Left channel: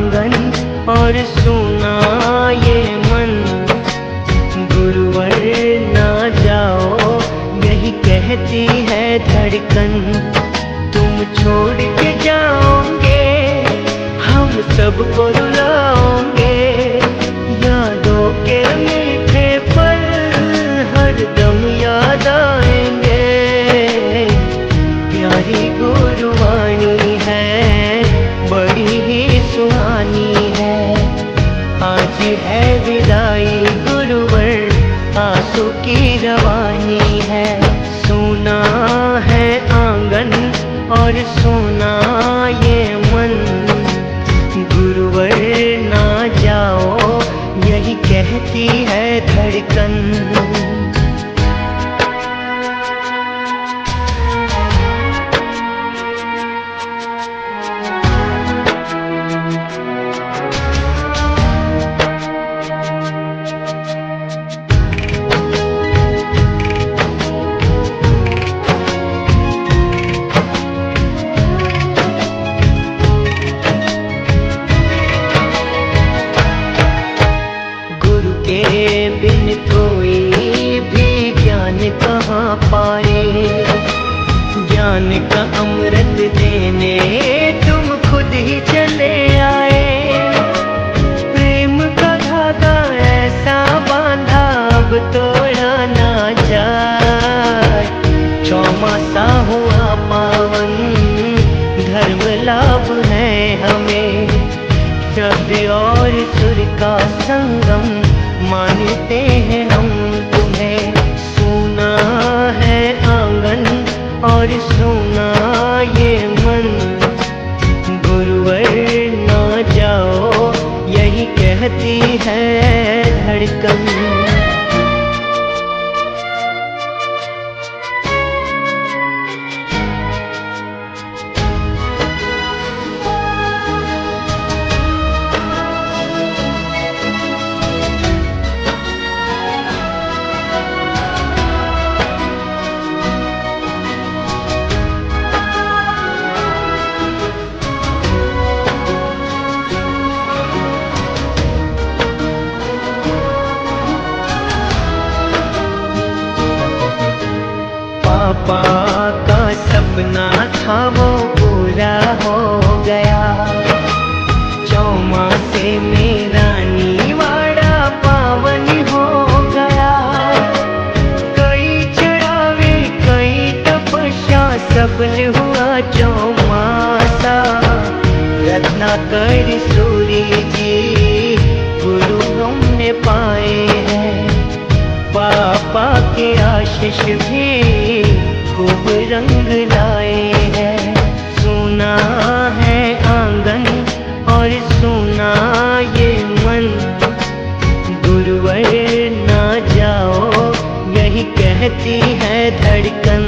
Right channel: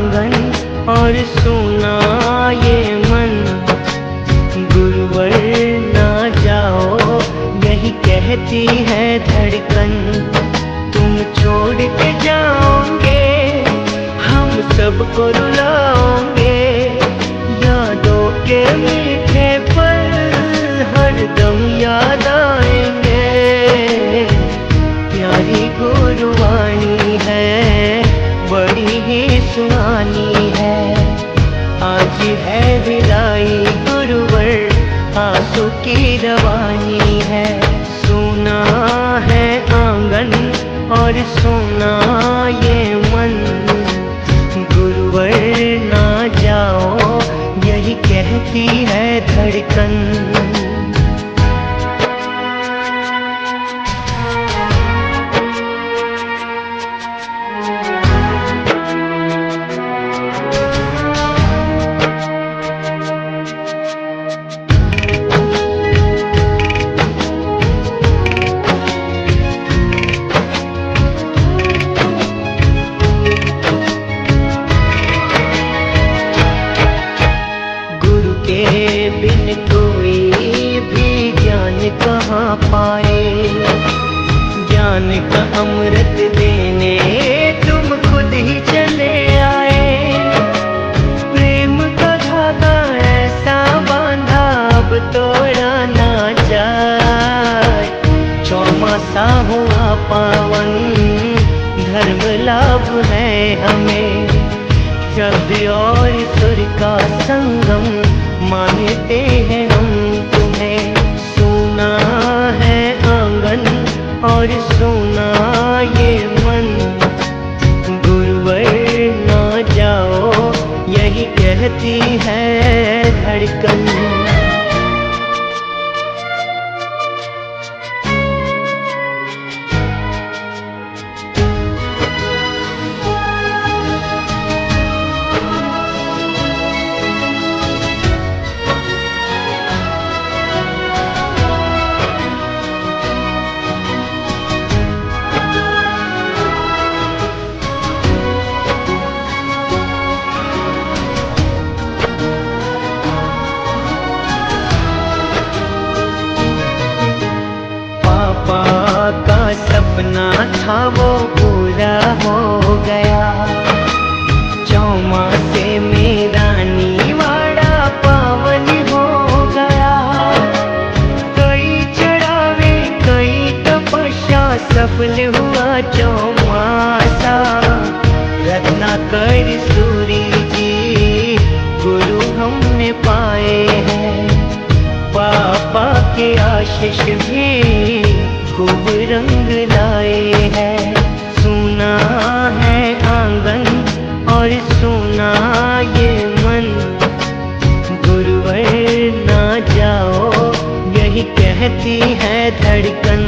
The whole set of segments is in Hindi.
आंगन और सुना ये मन, गुरुवर ना जाओ यही कहती है धड़कन। तुम छोड़ के जाओगे हम सबको रुलाओगे, यादों के मीठे पल हर दम याद आएंगे। प्यारी गुरुवाणी है बड़ी ही सुहानी है, आज है विदाई गुरुवर आंसू की रवानी है। सुना है आंगन और सुना ये मन, गुरुवर ना जाओ यही कहती है धड़कन। के बिन कोई भी ज्ञान कहाँ पाए, ज्ञान का अमृत देने तुम खुद ही चले आए। प्रेम का धागा ऐसा बांधा अब तोड़ा ना जाए, चौमासा हुआ पावन धर्म लाभ है हमें। शब्द और सुर का संगम मानते हैं हम तुम्हें। सुना है आंगन और सुना ये मन, गुरुवर ना जाओ यही कहती है धड़कन। पापा का सपना था वो पूरा हो गया, चौमासे मेरा नीवाड़ा पावन हो गया। कई चढ़ावे कई तपस्या सफल हुआ चौमासा, रत्नाकर सूरी जी गुरु हमने पाए हैं। पापा के आशीष भी खूब रंग लाए हैं। सुना है आंगन और सुना ये मन, गुरुवर ना जाओ यही कहती है धड़कन।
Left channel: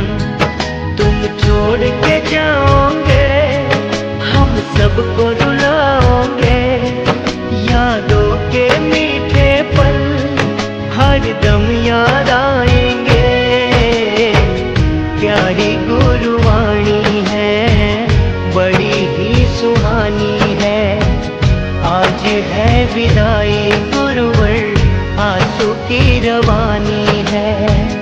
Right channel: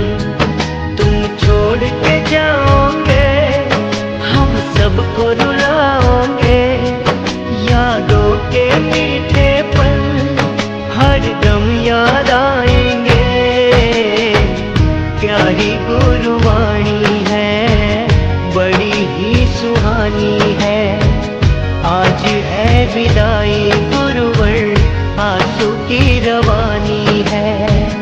तुम छोड़ के जाओगे हम सबको रुलाओगे, यादों के मीठे पल हर दम याद आएंगे। प्यारी गुरुवाणी है बड़ी ही सुहानी है, आज है विदाई गुरुवर आंसू की रवानी है।